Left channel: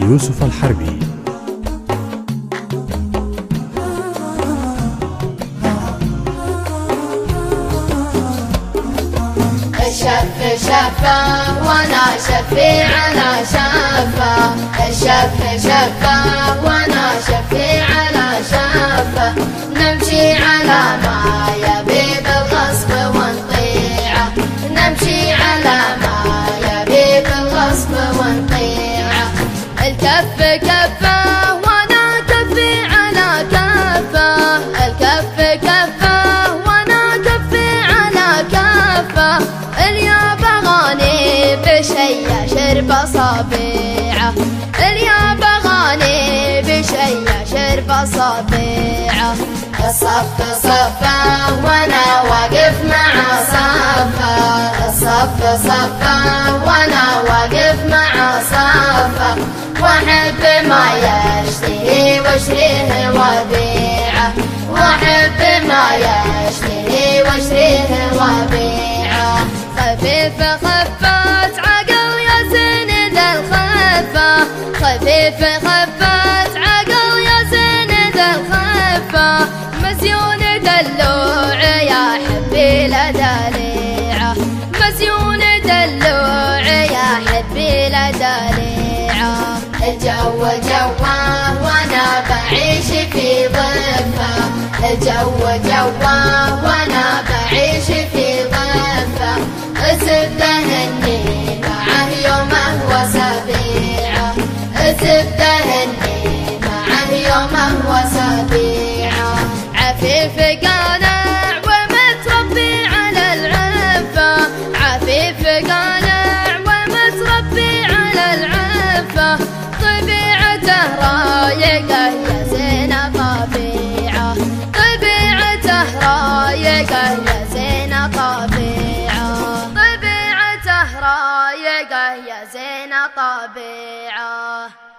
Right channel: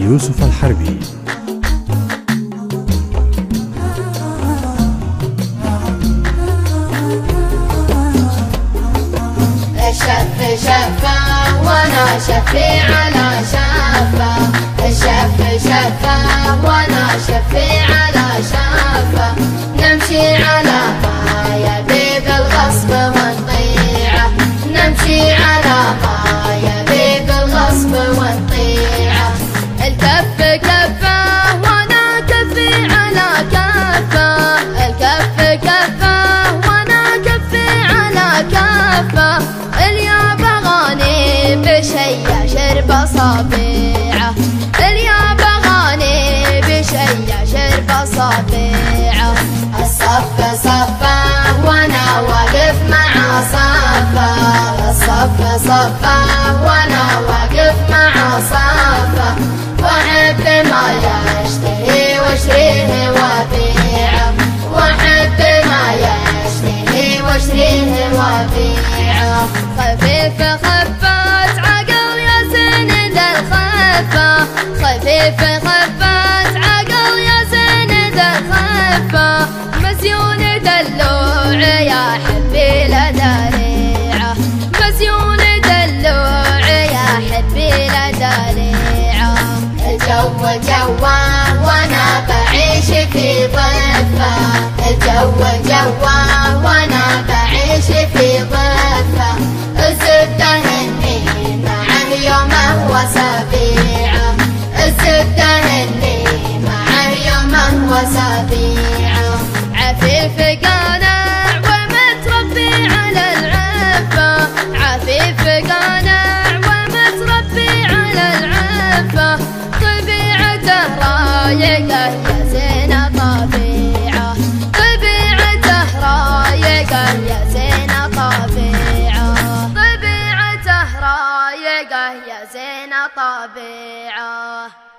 يوسف الحربي. الشف شفه وانا شفي على شفه، الشف شفه وانا شفي على شفه، نمشي على ما يبي بالغصب ونطيعه، نمشي على ما يبي بالغصب ونطيعه. الكف كفه وانا كفي على كفه، الكف كفه وانا كفي على كفه، اليا بغاني بشي شرب صبيعه، اليا بغاني بشي شرب صبيعه. الصف صفه وانا واقف مع صفه، الصف صفه وانا واقف مع صفه، واحب ما يشتهي واشتريه وبيعه، واحب ما يشتهي واشتريه وبيعه. خفيف خفت عقل يا زين ذا الخفه، خفيف خفت عقل يا زين ذا الخفه، مزيون دلوع يا حبي لدليعه، مزيون دلوع يا حبي لدليعه. الجو جوه وانا بعيش في ضفه، الجو جوه وانا بعيش في ضفه، الزبده هني معه يومه وسبيعه، الزبده هني معه يومه وسبيعه. عفيف قانع ومتربي على العفه، عفيف قانع ومتربي على العفه، طبيعته رايقه يا زين طبيعه، طبيعته رايقه يا زين طبيعه، طبيعته رايقه يا زين طبيعه.